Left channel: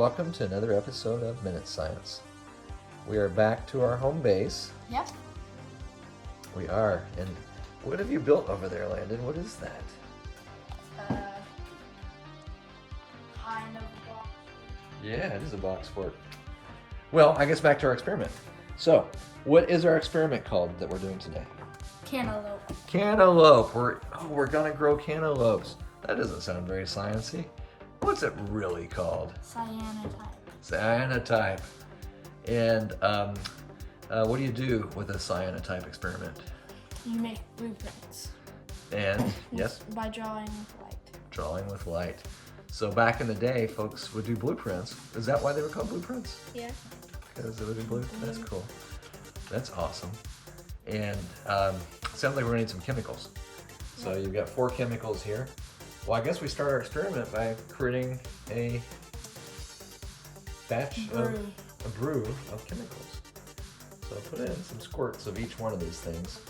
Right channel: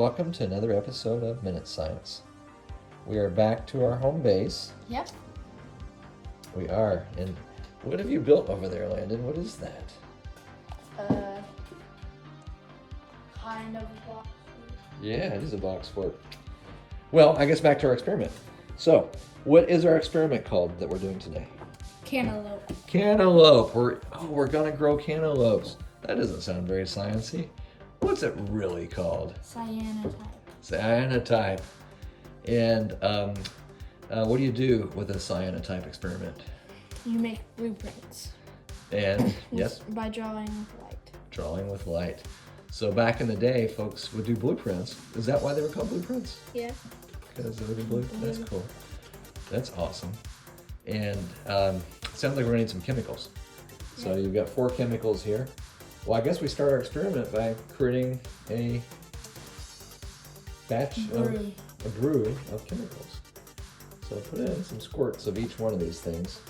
welcome to another episode of Minute Science. We are back to our home base. Yep. We are. And what have you built over there, Landon? What is that? Kind of box. Yeah, it is a box fort. Well, I guess back to our experiment. So, what is our experiment called that we're doing today? Cantaloupe. Cantaloupe. We're gonna grow cantaloupes. That doesn't sound very sciencey. What's it really called? Cyanotype. Cyanotype. And what do you do with a cyanotype experiment? You make blueprints. And yes, By drawing with light. drawing with light. So back in the day, folks would do blueprints. Is that why they were called blueprints? Yeah. Because they would do blue. That's cool. That's awesome. And sounds like we're gonna need some chemicals. So you've got 4 chemicals here. Well, I guess we start our experiment by creating a batch of a brew of chemicals. So put in some squirts of each one of these things.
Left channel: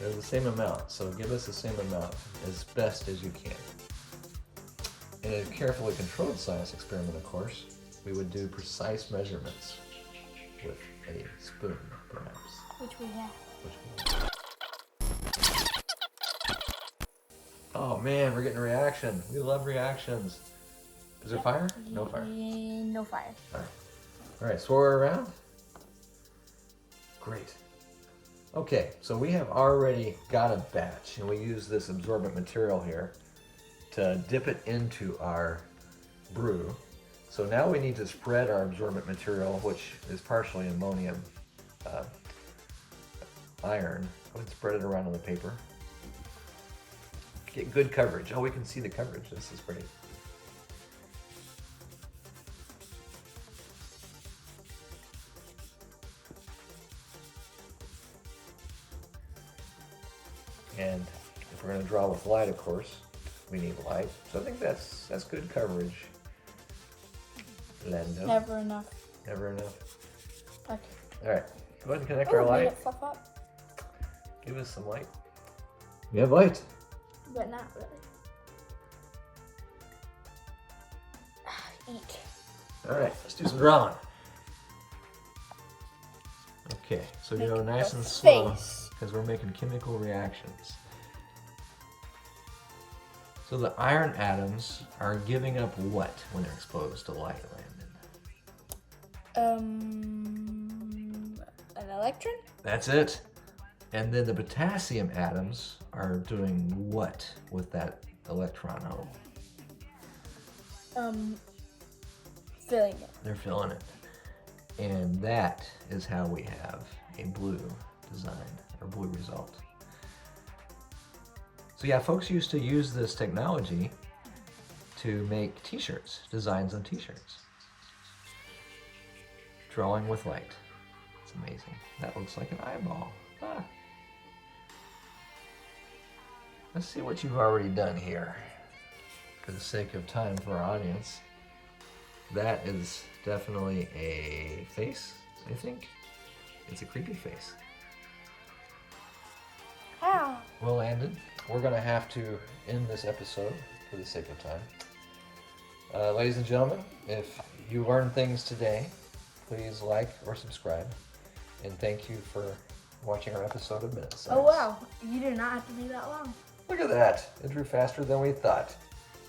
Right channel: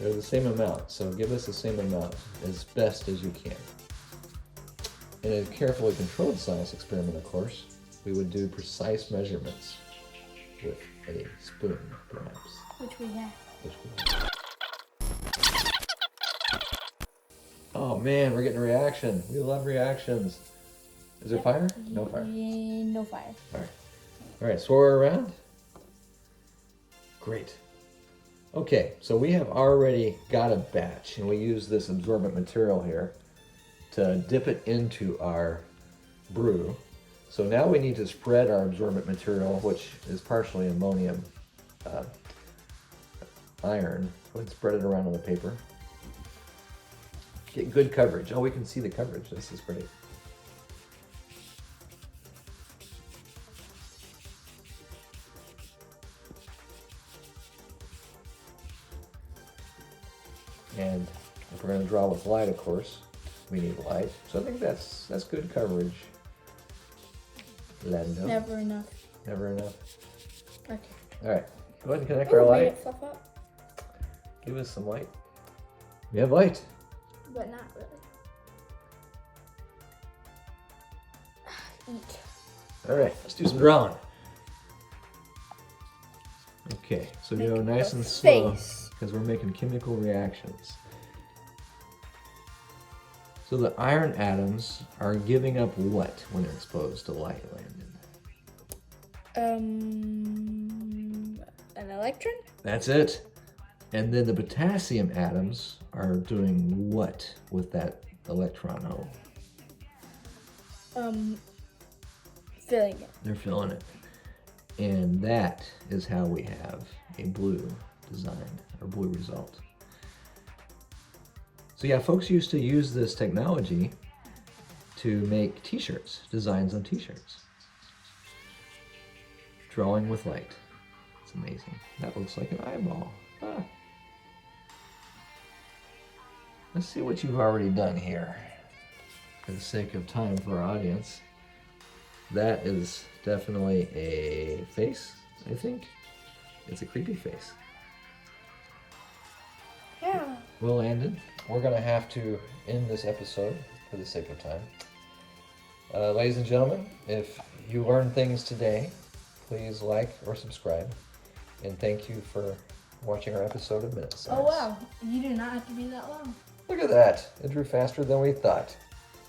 They're the same amount, so give us the same amount as best as you can. In a carefully controlled science experiment, of course, we would do precise measurements with a spoon, perhaps. Which we have. Oh man, we're getting a reaction. We love reactions. Is there fire? No fire. No fire. Alright, swirl her around. Great. Okay, so we have already got a batch, and we use this absorbent material here to dip it into our brew. So now we need to spread our absorbent material, which is partially ammonium iron. Let's spread it around on the paper. Get good coverage. Oh, we can see the coverage. This is great. And if we're going to draw with light, of course, we need light. So I think that's good coverage. Landon. Never enough. Never enough. Okay. All right. Go ahead and connect our Made light. it fluff up. Give us some light. We have light. But not really. Eek. All right, let's do some drawing. Okay, so Make go nice a and slow face. because we're making chemical reactions. So the iron atoms are giving up what when exposed to light, Landon? An electron? That's it. And then the potassium atoms are doing what with that electron hole? Filling it. They're filling it. And that is how we have a blue design, a blue result. So yeah, folks used to use this technology to make t-shirts, designs on t-shirts. Drawing with light. It's amazing. That looks like an eyeball. Ah. Let's see what you've already done here. For the sake of time for our audience. That is definitely a face, I think. It's a creepy face. How? Well, Landon, we're going to have to end this episode for the sake of time. Ladies and gentlemen, if you learned things today, please like or subscribe. And thank you for watching our episode of Minute Science. Oh wow, you do not have to be that long. Look at that. It drew faster than we thought.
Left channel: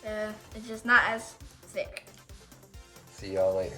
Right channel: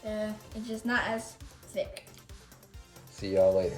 It's just not as thick. See y'all later.